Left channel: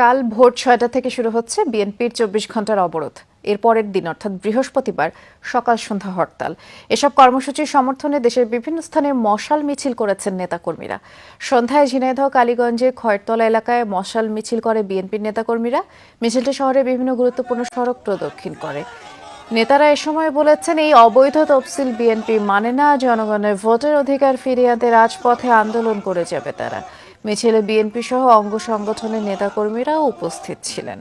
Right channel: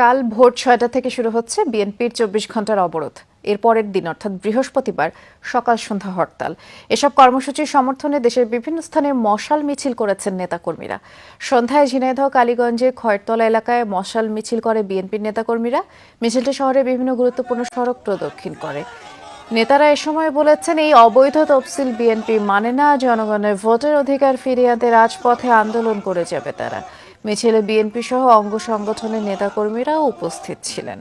কাল ভোর ৬টা থেকে শুরু হচ্ছে বিএনপির ২৪ ঘন্টার অবরোধ। এর পরের দিন অর্থাৎ বৃহস্পতিবার সকাল সন্ধ্যা হরতাল। এসব কর্মসূচির সমর্থনে দেশের বিভিন্ন স্থানে মশাল মিছিল করেছেন নেতাকর্মীরা। সন্ধ্যায় ঝিনাইদহ কালীগঞ্জের খয়েরতলা এলাকায় মশাল মিছিল করে বিএনপির নেতাকর্মীরা। মিছিলটি শহরের বিভিন্ন গুরুত্বপূর্ণ সড়ক প্রদক্ষিণ করে। নেতারা এ সময় বলেছেন, এই অবৈধ তফসিল বিএনপি মানে না, জনগণের ভোটের অধিকার ফিরিয়ে আনতে রাজপথে আন্দোলন করে যাবে তারা। মিছিলে বিএনপি সহ অঙ্গ সংগঠনের নেতাকর্মীরাও উপস্থিত ছিলেন।